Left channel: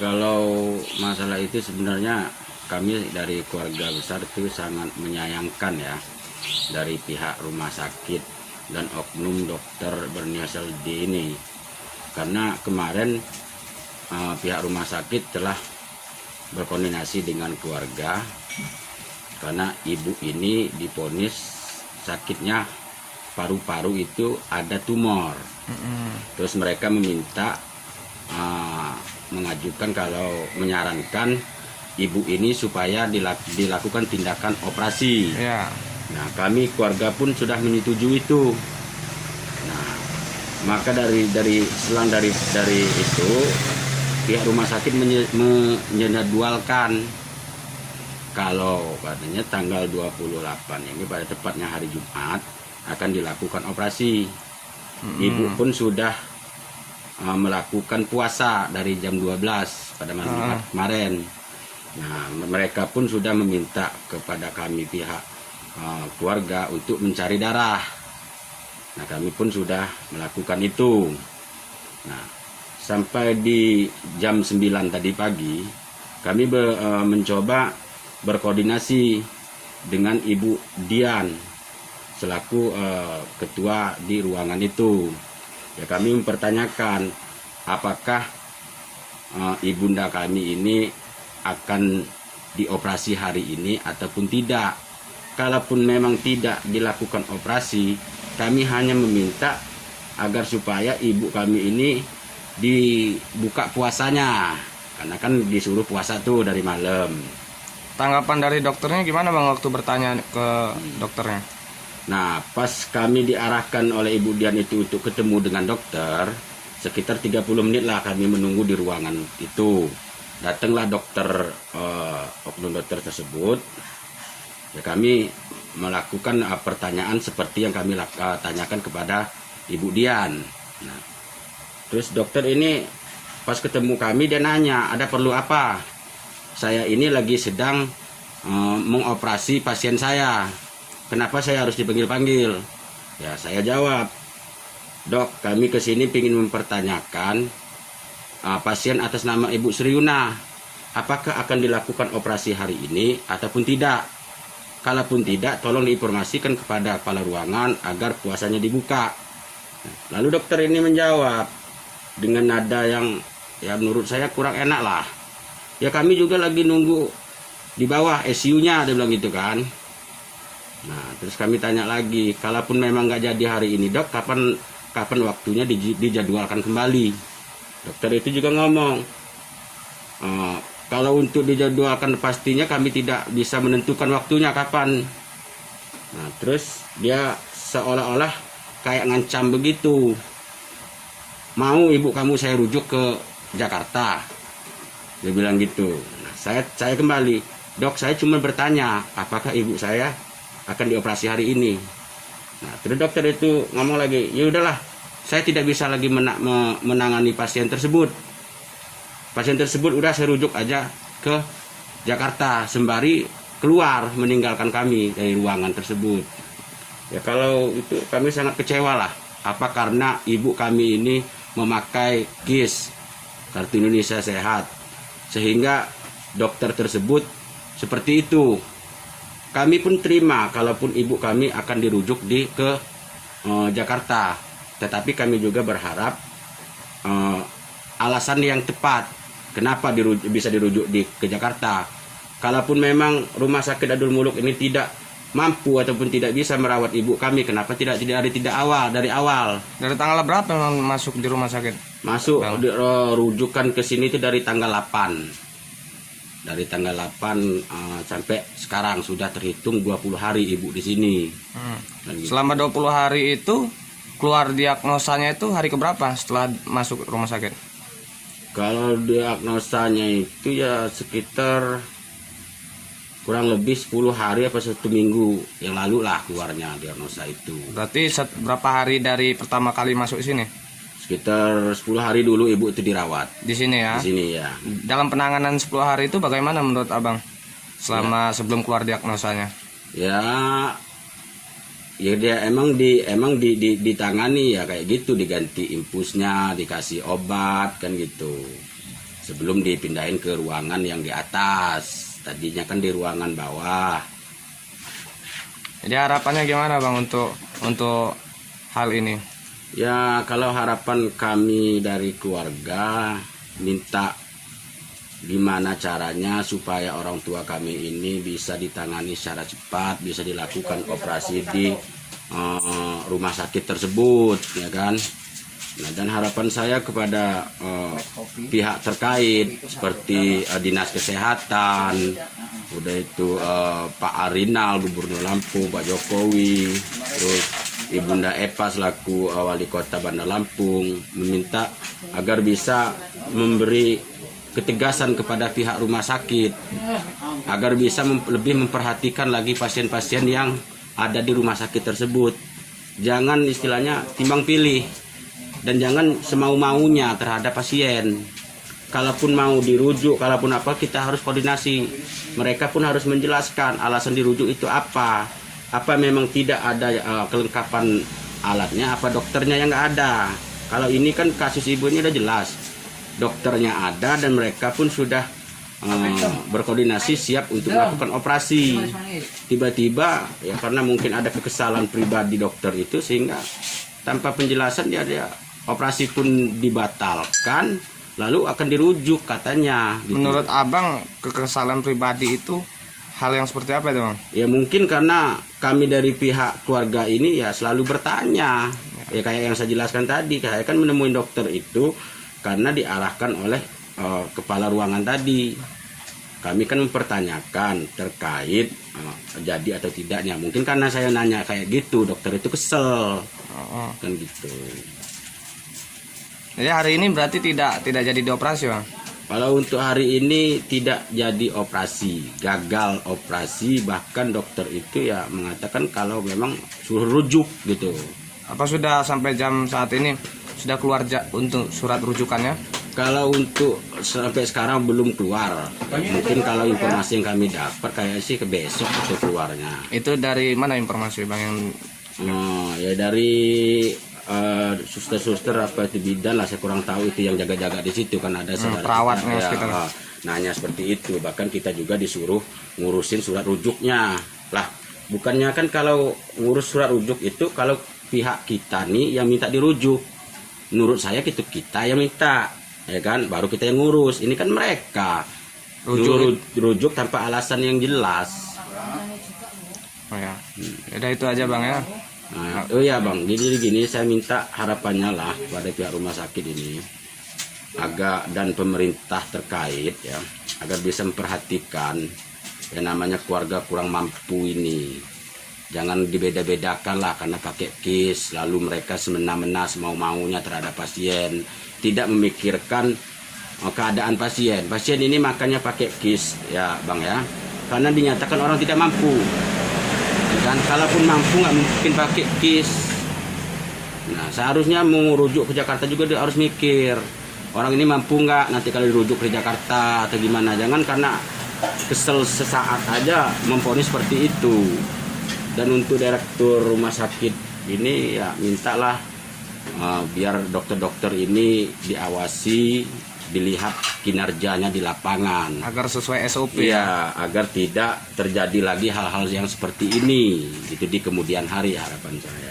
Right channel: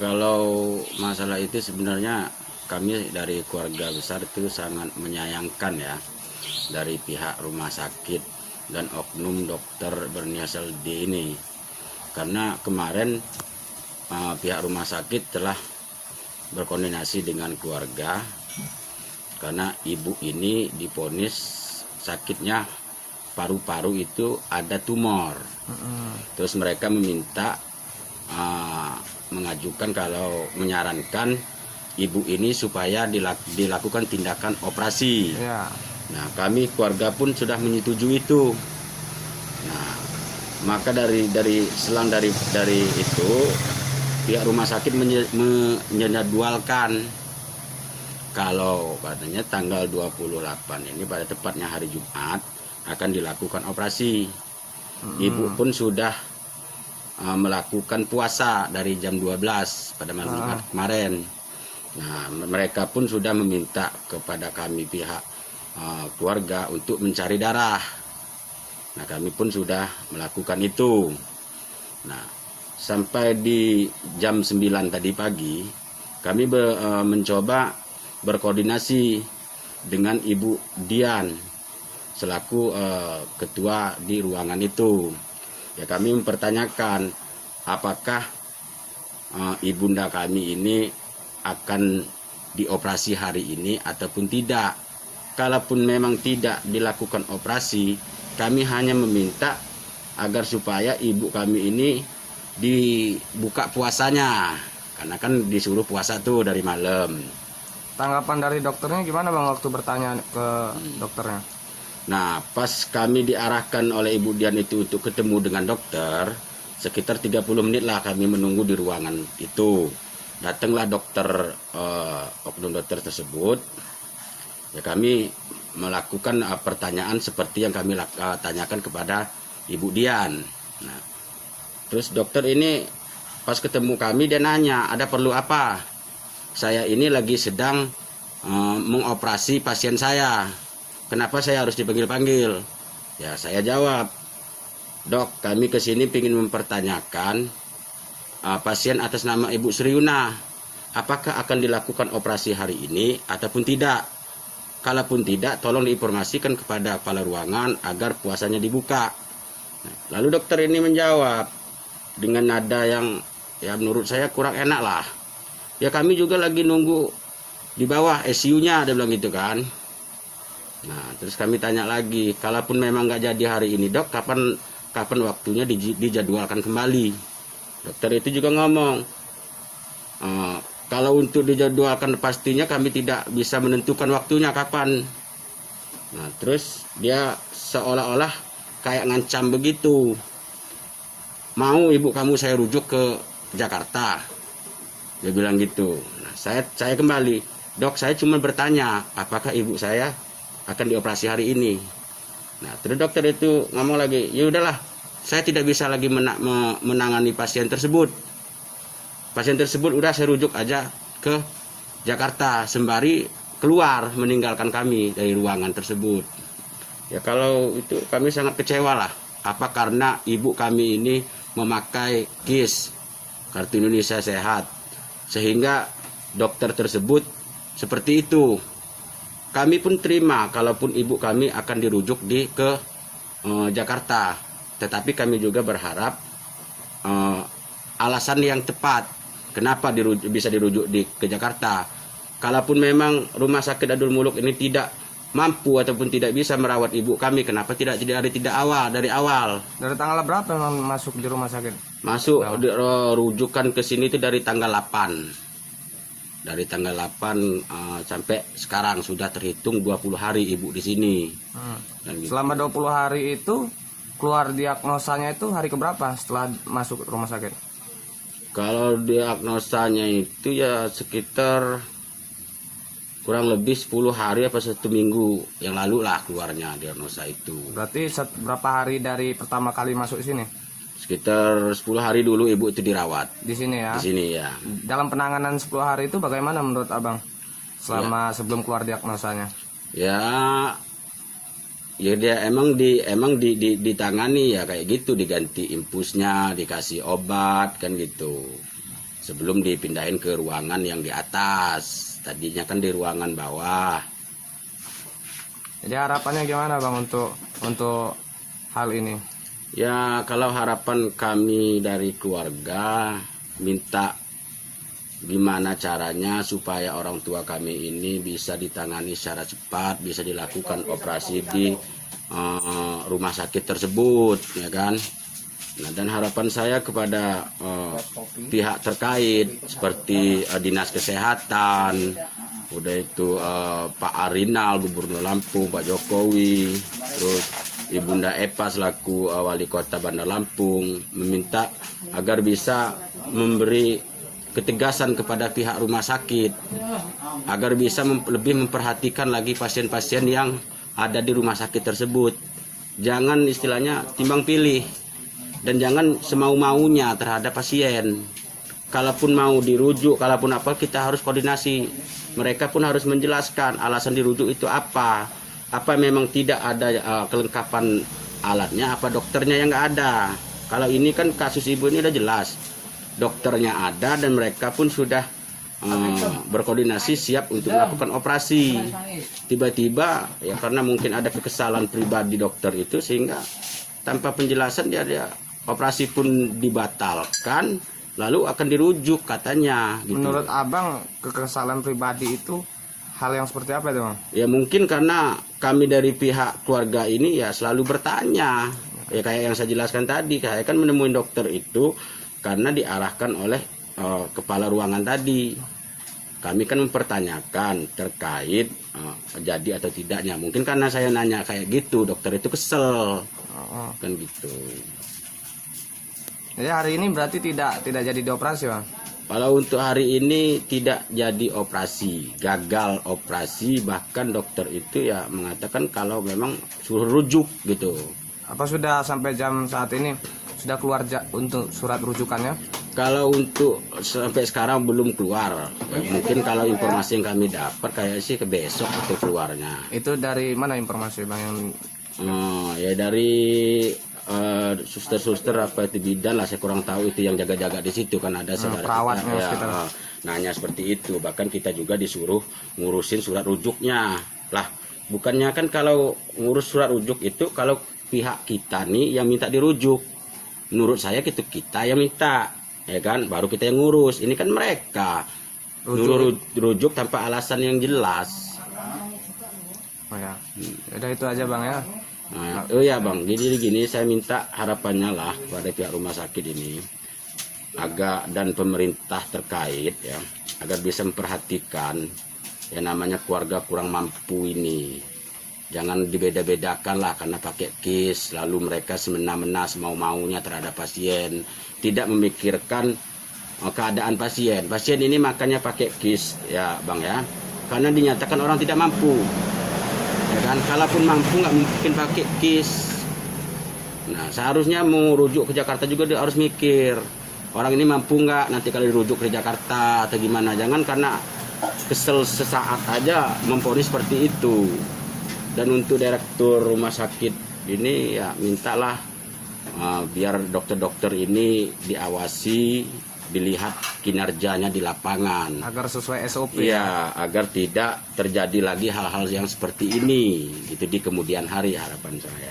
kalau masalah itu sebenarnya kami dari keluarga besar itu sangat menyayangkan ya dari pihak rumah sakit dan oknum dokter berinisial D ini, karena kemarin pihak rumah sakit telah berkoordinasi dengan keluarga karena ibu ini divonis sakitnya paru-paru itu ada tumor. Terus mereka meminta mengajukan kalau menyarankan ibu ini supaya dilakukan tindakan operasi. Ya. Nah, kami keluarga pun sudah menyetujui itu. Nah, maka dari itu pihak rumah sakit menjadwalkan kalau katanya tanggal 28 ini pada tepatnya hari Jumat akan dilakukan operasi. Ibu pun sudah melakukan puasa dari jam 12 pada malam Jumat kemarin. Nah, mereka pun sudah meminta kepada kami pihak keluarga untuk mencari darah. Nah, kami pun sudah melakukan itu. Nah, sampai di jam 9 tadi pagi kami mencoba berkoordinasi dengan Ibu Dian selaku ketua di ruangan itu. Ya, kami mempertanyakan apakah ibunda kami ini akan dioperasi hari ini ataupun tidak. Kalaupun memang tidak dilakukan operasi, kami hanya meminta agar supaya ibu kami ini dibuka puasanya, karena kan disuruh puasa tuh dari malam. Tanggapan dari dokternya gimana Bang waktu bertanya ke dokternya? Nah, pas kami diarahkan oleh Ibu Dian itu untuk ketemu dengan dokter, sekitar 30 menit lah kami menunggu di ruangan itu. Datanglah dokter, oknum dokter tersebut. Ya, kami melakukan pertanyaan seperti yang kami tanyakan kepada Ibu Dian. Nah, terus dokter ini pas ketemu kami dia nanya, ada perlu apa? Saya ini lagi sedang mengoperasi pasien saya. Kenapa saya harus dipanggil-panggil? Ya, saya jawab, Dok, kami kesini ingin mempertanyakan pasien atas nama Ibu Sriuna, apakah akan dilakukan operasi hari ini ataupun tidak? Kalaupun tidak, tolong diinformasikan kepada kepala ruangan agar puasanya dibuka. Lalu dokter ini menjawab dengan nada yang ya menurut saya kurang enak lah. Ya, kami juga lagi nunggu di bawah ICU-nya, dia bilang gitu kan. Nah, terus kami tanya lagi, kalaupun memang nggak jadi hari ini Dok, kapan waktunya dijadwalkan kembali? Dokter itu juga ngomong, kalau untuk dijadwalkan pastinya kami tidak bisa menentukan waktunya kapan. Nah, terus dia seolah-olah kayak ngancam begitu, mau ibu kamu saya rujuk ke Jakarta, dia bilang gitu. Nah, saya kembali, Dok, saya cuma bertanya apakah ibu saya akan dioperasi hari ini. Nah, terus dokter itu ngomong lagi, ya udahlah, saya tidak bisa lagi menangani pasien tersebut. Pasien tersebut udah saya rujuk aja ke Jakarta sembari keluar meninggalkan kami dari ruangan tersebut. Ya, kalau itu kami sangat kecewa lah. Apa karena ibu kami ini memakai KIS, Kartu Indonesia Sehat, sehingga dokter tersebut seperti itu. Kami pun terima kalaupun ibu kami akan dirujuk ke Jakarta, tetapi kami juga berharap alasan yang tepat kenapa bisa dirujuk ke Jakarta. Kalaupun memang rumah sakit Abdul Muluk ini tidak mampu ataupun tidak bisa merawat ibu kami, kenapa tidak dari awal? Dari tanggal berapa memang masuk di rumah sakit? Masuk rujukan ke sini itu dari tanggal 8. Dari tanggal 8 sampai sekarang sudah terhitung 20 hari ibu di sini. Selama 20 hari itu keluar diagnosanya itu hari keberapa setelah masuk rumah sakit? Kalau diagnosanya itu ya sekitar kurang lebih 10 hari apa 1 minggu yang lalu lah keluarnya diagnosa itu. Berarti berapa hari dari pertama kali masuk sini? Sekitar 10 hari dulu ibu itu dirawat. Di sini ya? Di sini ya. Dalam penanganan 10 hari itu bagaimana menurut Abang? Sebelum keluar diagnosanya? Ya dia emang ditangani ya kayak gitu, diganti infusnya, dikasih obat kan gitu. sebelum dipindahin ke ruangan yang di atas. Tadinya kan di ruangan bawah. Jadi harapannya gimana Bang untuk hal ini? Ya, kalau harapan kami dari keluarga minta gimana caranya supaya orang tua kami ini bisa ditangani secara cepat, bisa dilakukan operasi di rumah sakit tersebut, ya kan. Nah, dan harapan saya kepada pihak terkait seperti Dinas Kesehatan, udah itu Pak Arinal, Gubernur Lampung, Pak Jokowi, terus Ibunda Epa selaku Wali Kota Bandar Lampung, meminta agar bisa memberi ketegasan kepada pihak rumah sakit agar bisa lebih memperhatikan lagi pasien-pasien yang ada di rumah sakit tersebut. Jangan istilahnya timbang pilih dan jangan semau-maunya terhadap pasien. Kalaupun mau dirujuk, kalaupun apa, kita harus koordinasi. Mereka pun harus menjelaskan alasan dirujuk itu apa. Apa memang tidak ada kelengkapan alatnya, apa dokternya yang nggak ada. Kalau ini kan kasus ibu ini udah jelas. Dokternya ada dan mereka pun sudah berkoordinasi siap untuk melakukan operasi. Tiba-tiba ya karena mungkin ada kekesalan pribadi dokter itu sehingga tanpa penjelasan dia operasi pun dibatalkan, lalu akan dirujuk katanya. Gitu. Menurut Abang kekesalan pribadi itu hal yang seperti apa itu Bang? Ya mungkin karena kami dari pihak keluarga ini ya selalu bertanya. Ya kayak yang saya jelaskan tadi, saya kan menemui dokter itu karena diarahkan oleh kepala ruangan tadi. Kami kan mempertanyakan terkait jadi atau tidaknya. Mungkin karena saya nanya kayak gitu, dokter itu kesel. Kan gitu. Jadi hari ini berarti tidak jadi dioperasi Bang? Kalau untuk hari ini tidak jadi operasi, gagal operasi, bahkan dokter itu ya mengatakan kalau memang suruh rujuk gitu. Apa sudah sampai jam saat ini sudah keluar untuk surat rujukannya? Kalau untuk sampai sekarang belum keluar. Mungkin kalau informasi yang kami dapat kayak sih ke besok atau keluarnya. Itu dari mana informasi Bang yang Ya dari suster-suster apa itu bidan lah, saya kurang tahu itu yang jaga-jaga di situ kan ada perawatnya ya, sekitar. Nanya seperti itu. Bahkan kita juga disuruh ngurusin surat rujuknya. Lah, bukannya kan kalau ngurus surat rujuk itu kalau pihak kita nih yang minta dirujuk. Menurut saya itu kita yang minta, ya kan, baru kita yang ngurus. Ini kan mereka rujuk tanpa alasan yang jelas. Oh ya. Udah itu aja Bang ya. Nah, oh ya Bang, jadi gini saya minta harapannya lah kepada pihak rumah sakit ini dan pemerintah terkait ya agar bisa memperhatikan yang namanya keluarga kurang mampu ini. Jangan dibeda-bedakan lah karena pakai kis lalu mereka semena-mena semau-maunya terhadap pasien, tidak memikirkan keadaan pasien. Pasien ini makanya pakai kis ya Bang ya, karena dinyatakan orang tidak mampu. Dan kalaupun mampu nggak mungkin pakai kis. Nah seharusnya merujuk ke Jakarta juga dia harus mikir orang ini mampu nggak nanti kalau dirujuk ke Jakarta atau gimana. Jangan karena kesel sesaat aja memponis seperti itu. Dan untuk direktur rumah sakit ini ya mintalah biar dokter-dokter ini diawasi, dilihat kinerjanya di lapangan agar sesuai SOP ya, agar tidak terjadi lagi hal-hal yang seperti ini itu di kemudian hari, harapan saya.